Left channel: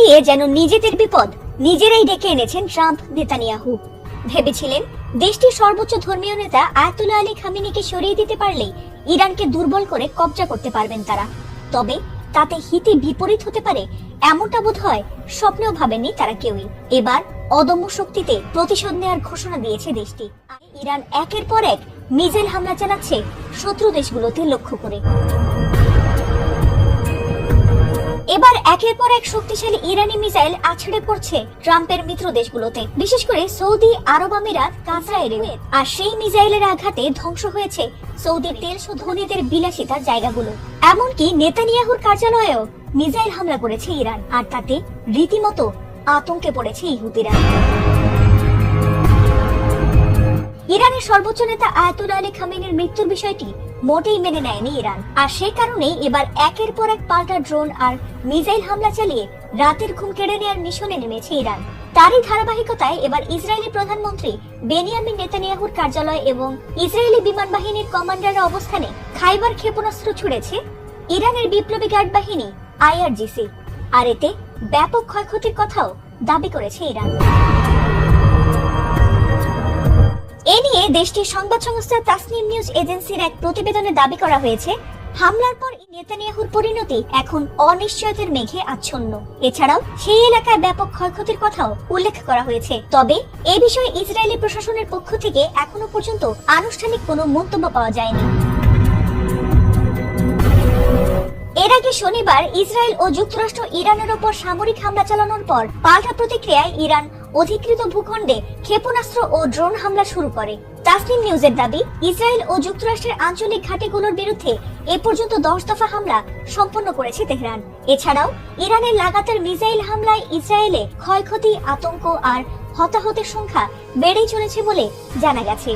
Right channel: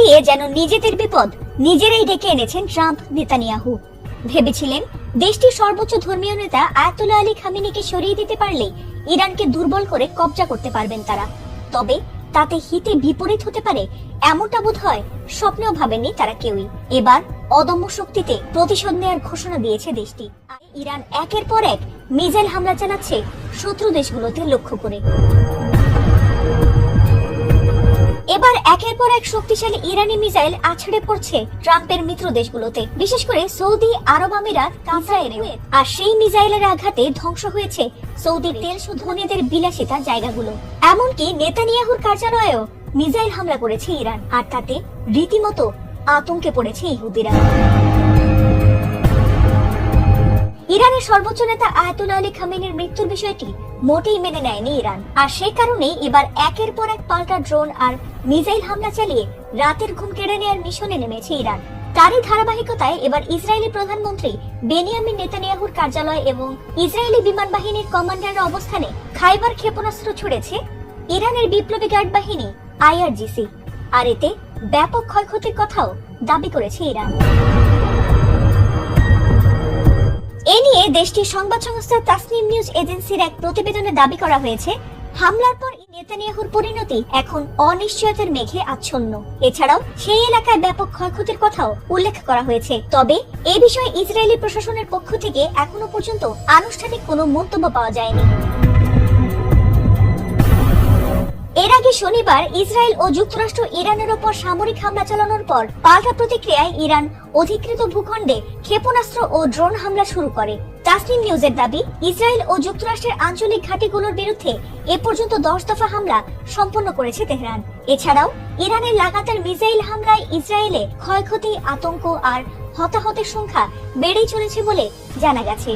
নিয়ে যেন নিজেদের বিপদ নিজেরাই ডেকে এনেছেন ট্রাম্প নেতানিয়াহু। ভেবেছিলেন দেশটির সর্বোচ্চ ধর্মীয় নেতা আয়াতুল্লাহ আলী খামেনিকে সরিয়ে দিতে পারলে ইরানকে দুর্বল করে কব্জা করতে পারবেন তারা। তবে তাতে হিতে বিপরীত হতে পারে এমনটা বোধ হয় স্বপ্নেও ভাবেনি তারা কেউই। এবার অদম্য শক্তিতে প্রতিশোধ নেওয়ার ঘোষণা দিয়েছে দেশটি। ইরান একের পর এক মিসাইল হামলা চালাচ্ছে শত্রু দেশগুলোতে লক্ষ্য করে। এবার একের পর এক শক্তিশালী ইরানি মিসাইল আছড়ে পড়ছে ট্রাম্পের মিত্র দেশগুলোতে, বিশেষ করে সৌদি আরব আমিরাত, কাতার। আর সেই মিসাইলের আঘাতে ধ্বংস হয়েছে সৌদির তেল ধনীদের বিলাসিতার জায়গাগুলো। এমনকি নেতানিয়াহুর কার্যালয়েও মিসাইল হামলা করেছে ইরান, আর তাতে রীতিমতো আতঙ্কে পড়েছে ইহুদিরা। ইরানের সর্বোচ্চ নেতা আয়াতুল্লাহ আলী খামেনির মৃত্যুর বিষয়টি মোটেই মেনে নেয়নি ইরান, আর সে কারণেই এবার একের পর এক পাল্টা ড্রোন আর মিসাইল হামলা চালিয়ে রাতের ঘুম কেড়ে নেওয়ার মিশনে নেমেছে ইরান। তারই ধারাবাহিকতায় এবার ইসরায়েলি প্রধানমন্ত্রী বেনিয়ামিন নেতানিয়াহুর কার্যালয় এবং ইসরায়েলি বিমান বাহিনীর কমান্ডারের অবস্থানে খাইবার ক্ষেপণাস্ত্র ছুড়েছে ইরানের বিপ্লবী গার্ড বাহিনী IRGC, আর এতে ব্যাপক ক্ষয়ক্ষতির কথাও দাবি করেছে ইরান। এ নিয়ে দেশটির সংবাদ সংস্থা তাসনিম নিউজ এজেন্সির এক প্রতিবেদনে দাবি করা হয়েছে, হামলার পর নেতানিয়াহুর পরিণতি এখন অনিশ্চয়তার মেঘে আচ্ছন্ন। এছাড়াও সেই এলাকায় ব্যাপক ক্ষয়ক্ষতির কথাও উল্লেখ করা হয়েছে। তবে এ বিষয়ে ইসরায়েলি প্রশাসনের পক্ষ থেকে এখনো পর্যন্ত আনুষ্ঠানিক কোনো মন্তব্য পাওয়া যায়নি। এর আগে শনিবার ইসরায়েল ও যুক্তরাষ্ট্র ইরানের উপর সামরিক হামলা চালানোর পর পাল্টা প্রতিক্রিয়ায় ইরান অধিকৃত ভূখণ্ডে ক্ষেপণাস্ত্র ও ড্রোন হামলা শুরু করে। তাসনিম নিউজের দাবি, ইসরায়েল ও যুক্তরাষ্ট্রের আঞ্চলিক ঘাঁটিগুলোর বিরুদ্ধে এ পর্যন্ত 10 দফা হামলা সম্পন্ন করেছে তেহরান। এছাড়াও ইরানের লাগাতার মিসাইল হামলায় ইসরায়েলে ক্ষয়ক্ষতি, আতঙ্ক আর হতাহতের সংখ্যা বেড়েই চলেছে বলে জানা গেছে।